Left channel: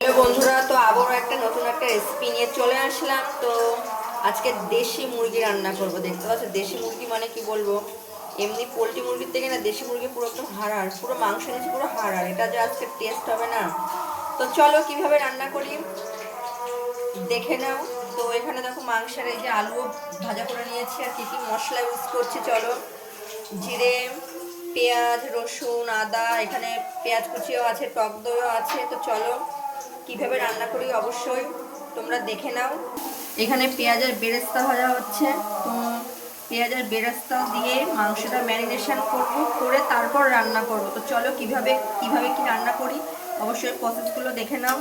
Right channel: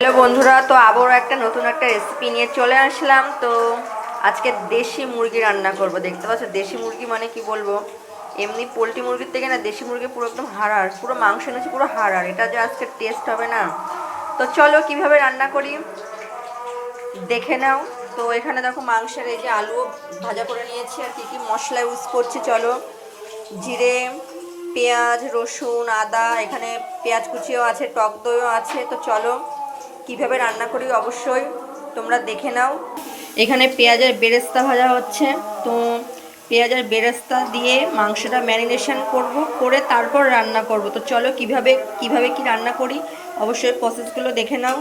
Hello বন্ধুরা, তো আবারও একটা নতুন একটা রেসিপি নিয়ে চলে আসলাম। তো আজকে দেশি মুরগি রান্না করব, দেখতে পাচ্ছ? দেশি মুরগি মানে কি বলব? এমনি পোলট্রি মুরগির থেকে না, দেশি মুরগি পুরো একদম হাড়ার পুরো মাংস এনেছি, পুরো হাড়ার এটা যে আজকে টেস্ট হবে না। তো চলো কীভাবে রান্না করি? দেখে নাও। তো এখানে দেখো মাংসের এই যে আলুও ভাজা করে নিয়েছি, আর কী কী মশলা ইউজ করছি, চলো। জিরে, পেঁয়াজ, রসুন, আদা, এখানে পেঁয়াজ কুচিও আছে, টক দইও আছে, তো চলো। কীভাবে রান্না করি অবশ্যই তোমরা দেখে নাও। এখানে পেঁয়াজের বেরেস্তা ভাজা হচ্ছে। তো পেঁয়াজের বেরেস্তা দিয়ে মাংসটা ম্যারিনেশন করব, করে তারপর রান্না করব। তো চলো কীভাবে কীভাবে কি রান্না করি অবশ্যই প্রসেসগুলো দেখে নাও।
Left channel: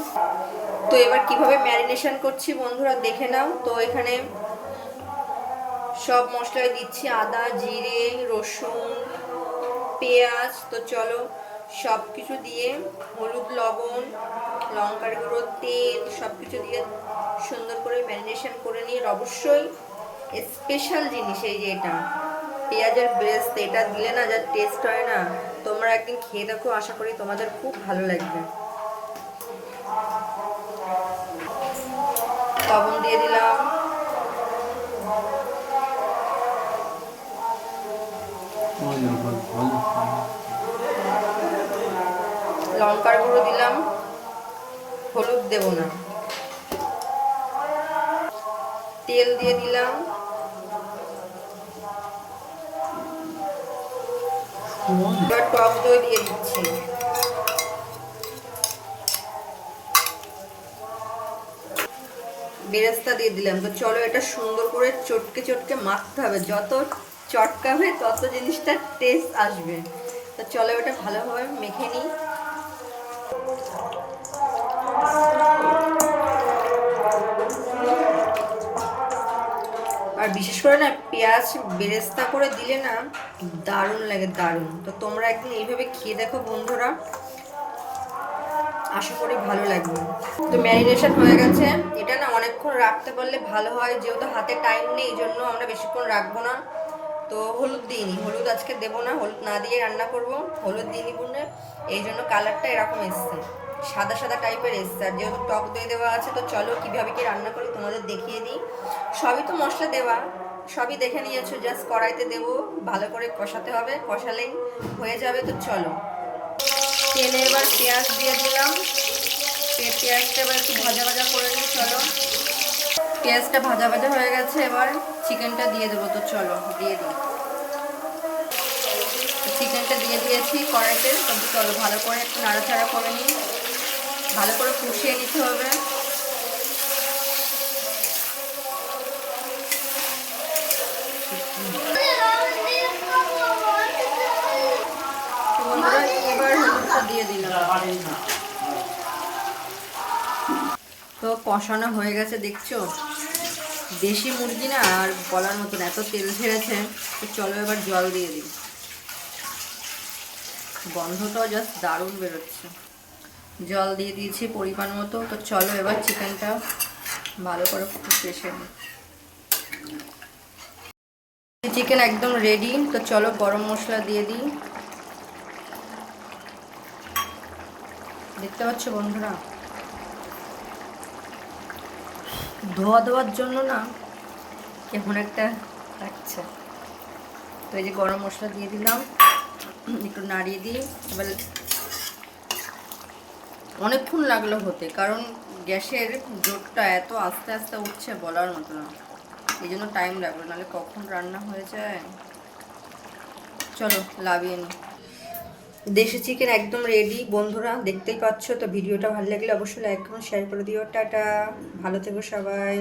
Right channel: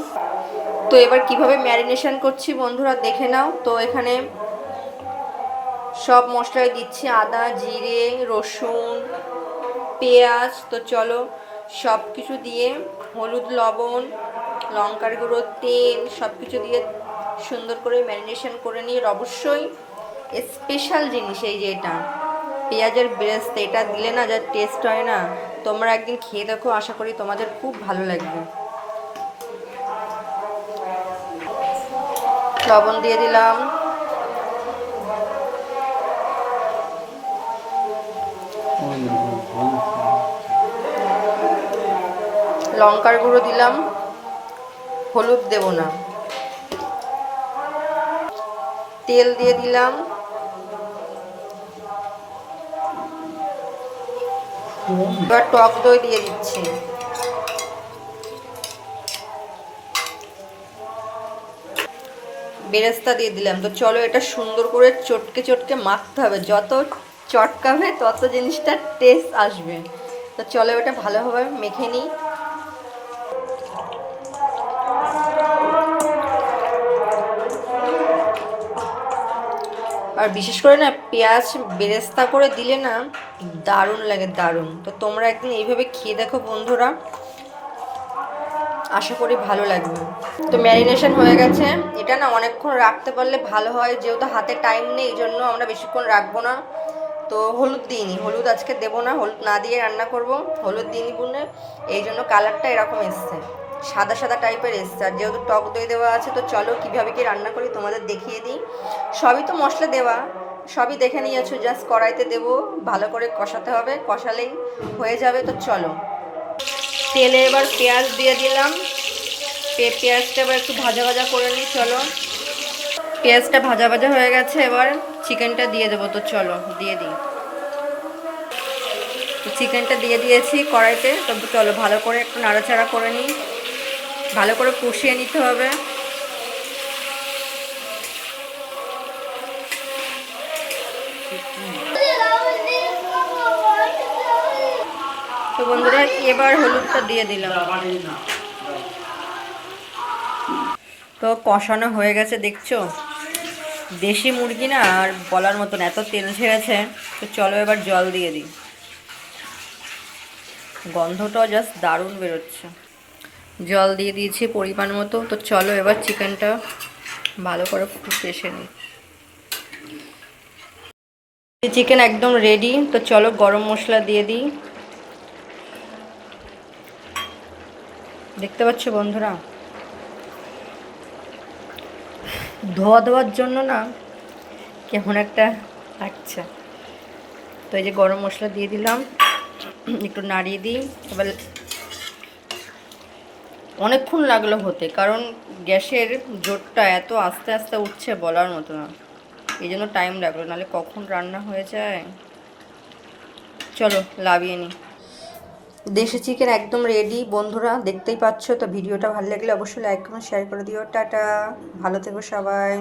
তো এবার কীভাবে ম্যারিনেশন করছি বন্ধুরা দেখে নাও। তো এখানে সব মশলাই দিচ্ছি আদা, জিরে, রসুন, পেঁয়াজ। তো চলো সব কিছু দিয়ে হলুদ, লবণ, লঙ্কার গুঁড়ো, তেল সব কিছু দিয়ে সুন্দর করে ম্যারিনেশন করে নিয়ে অবশ্যই স্পেশাল জিনিস এই যে এটা, পেঁয়াজের ব্রেস্ট এটা দিলে না যা টেস্ট হয় না। তোমরা একদিন খেয়ে দেখো, আশা করি তোমাদের খুব ভালো লাগবে। লবণ দিয়ে দিলাম। লঙ্কার গুঁড়ো দিলাম, হলুদ দেব না। তেল দিয়ে দিলাম। এবার টক দই দিয়ে দিচ্ছি। বেরেস্তা দিয়ে দিলাম। তো চলো এটা সুন্দর করে চটকে চটকে মাখতে হবে। যত চটকাবে তত জিনিসটা টেস্ট আসবে। তো চলো এটা ভালোভাবে মেখে নিই। আর বিশেষ করে না, পেঁয়াজ বেরেস্তা করে দিলে না দারুণ লাগে, দারুণ। তো তোমরা একদিন এইভাবে খেয়ে দেখো বন্ধুরা। আশা করি ভালো লাগবে। তো ম্যারিনেশন হয়ে গেছে। এটা না অনেকক্ষণ রাখতে পারলে ভালো হয়, যেহেতু হাতে টাইম নেই, এই জন্য আমরা বেশিক্ষণ রাখব না। তো হলুদ দিইনি। হলুদ আজকে দেবো না, হলুদ না দিয়ে রান্না করব। হলুদ দিইনি গুনে, এই জন্য কালারটা এরকম এসছে। সাদা সাদা টাইপের এসছে। আর যেহেতু টক দই দেওয়া আছে, তো চলো কীভাবে কি রান্না করি তোমাদের দেখিয়ে দিই। সবই তো মশলা দেওয়া। সবই দেখে নিয়েছো, জাস্ট কড়াইতে দেবো। ভালো করে কষাতে হবে। কষালেই হয়ে যাবে, তো চলো। তেলে এবার পেঁয়াজ দিয়ে দিলাম। পেঁয়াজটা এবার একটু ভাজা ভাজা করে নিই, চলো। পেঁয়াজটা ভাজা ভাজা হয়ে গেছে, এবার চিকেনটা দিয়ে দেবো। তো চলো, দিয়ে দিই। চিকেনটা দিয়ে দিয়েছি কড়াইতে, তো চলো ভালো করে একটু নাড়াচাড়া করে নিই। ভালো করে কষিয়ে নিতে হবে। তো বন্ধুরা, এবার হলুদটা দিয়ে দিলাম। তো কষানো হয়ে গেছে, দেখছ? দেশি মুরগি না আর বলার মতন এত তেল ছেড়েছে তো চলো এবার জল দিয়ে দিই। গন্ধটাও জাস্ট দারুণ বেরোচ্ছে। জল দিয়ে দিয়েছি পরিমাণ মতো, তো চলো এবার চিকেনটা ভালো করে পেশে নিই। চিকেন একদম রেডি তো চলো গরম মশলা দিয়ে দিই। দেখতে পাচ্ছ বন্ধুরা? ধোয়া দেওয়ার জন্য না কেমন একটা লাগছে। তো এই যে গরম মশলা দিয়ে দিলাম, একটু নাড়িয়ে দিই। এবার অনেকক্ষণ লাগল হতে, কারণ গ্যাসের জোরটা এত আস্তে আস্তে উঠছে বলার মতো না। এই জন্য টাইম লাগল, নাহলে কখন রান্না হয়ে যায়? চলো, লাভিয়ে নিই দেশি চিকেন একদম রেডি বন্ধুরা, দেখতেই পাচ্ছ, তো ভিডিওটা ভালো লাগলে অবশ্যই লাইক করুন শেয়ার করে দিও। টাটা। ভালো থেকো সবাই।